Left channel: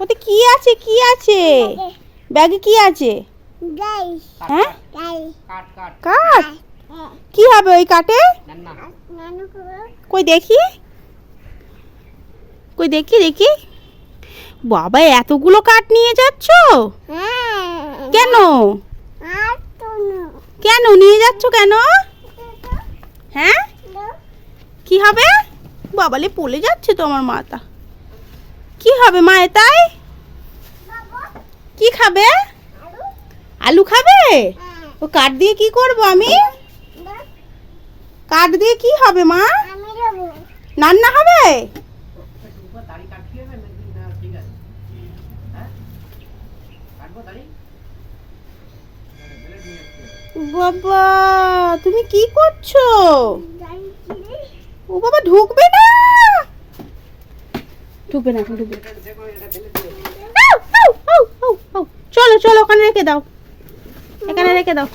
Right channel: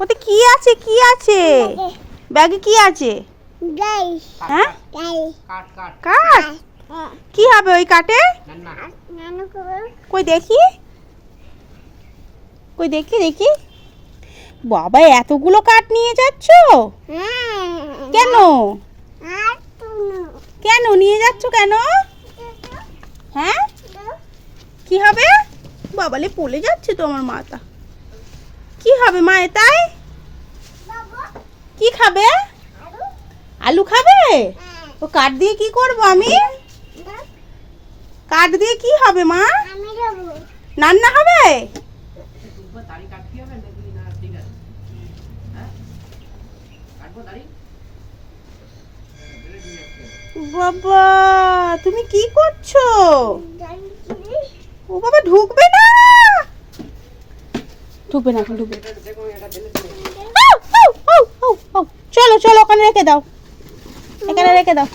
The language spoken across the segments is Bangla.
ওতে কি আছে কি আছে? ব্যাগে কি আছে? হ্যাঁ? কাট কাট। কাঠ কি হবে ওই করো কই দেখি? কই দেখি দেখি। বাবা এতগুলো কাঠ নিয়ে যাচ্ছ? হ্যাঁ। কেন? কেন? নিয়ে যাচ্ছ কেন? হ্যাঁ? কি হবে? বাবালে পড়ে যাচ্ছে তো আমার মাথা। কি হবে মা তাই? কি খাবে? আলু খাবে? ও কাঠ দিয়ে কি করব আমি? কাঠ দিয়ে কি হবে মা? রান্না হবে। বাবা, তুমি কি করছ? ও বাবা, ঢুকবে না? ঢুকবে না এখন ঢুকবে চলো চলো ওখানে রেখে দাও। এখানে রেখে দাও।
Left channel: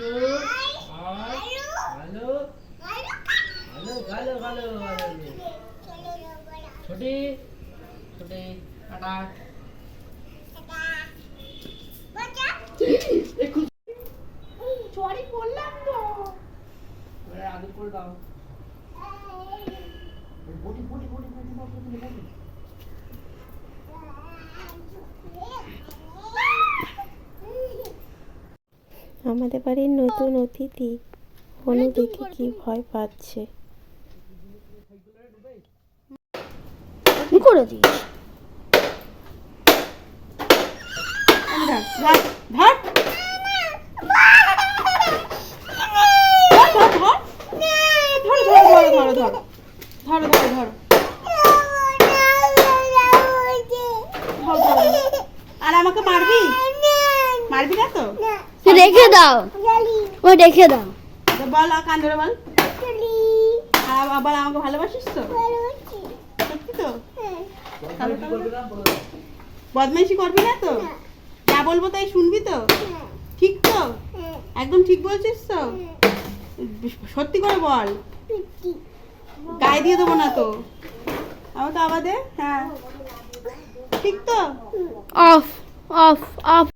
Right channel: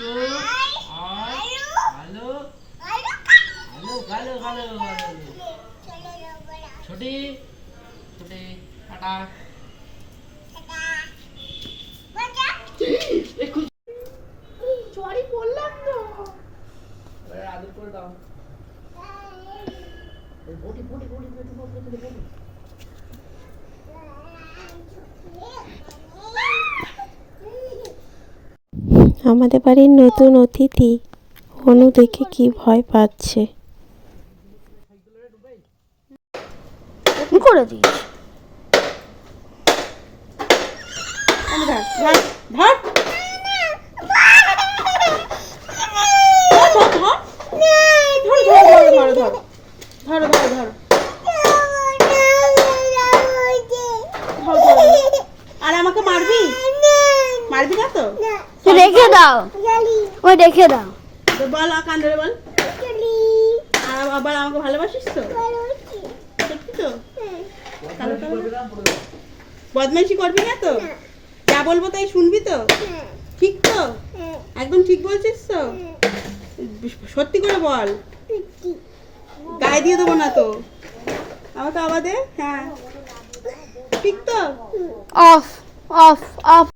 আই ভালো ভালো ভালো ভালো ভালো ছোটি ছোটি টাটা সরি বললাম তো। আদর করে দাও। বটি বটি বটি বটি বটি বটি। আমাদের বাড়ির নতুন অতিথি অনু দেখে কি ভয় পাচ্ছে করে দিস আর আমাকে মারবি মারবি না তো রেখে দাও। ও রেখে দাও। তো বল আর কান বল? আবার আমাকে ভালোবাসিস তো? সত্যি তো? বদমাইশি করবি না তো? যা বলব তাই শুনবি তো? ঠিক তো? একদম ঠিক বলছিস তো? সত্যি করে বল। গায়ে দিয়ে দেবো না তো? আমাকে আবার দে? হ্যাঁ। ঠিক তো? Off off off.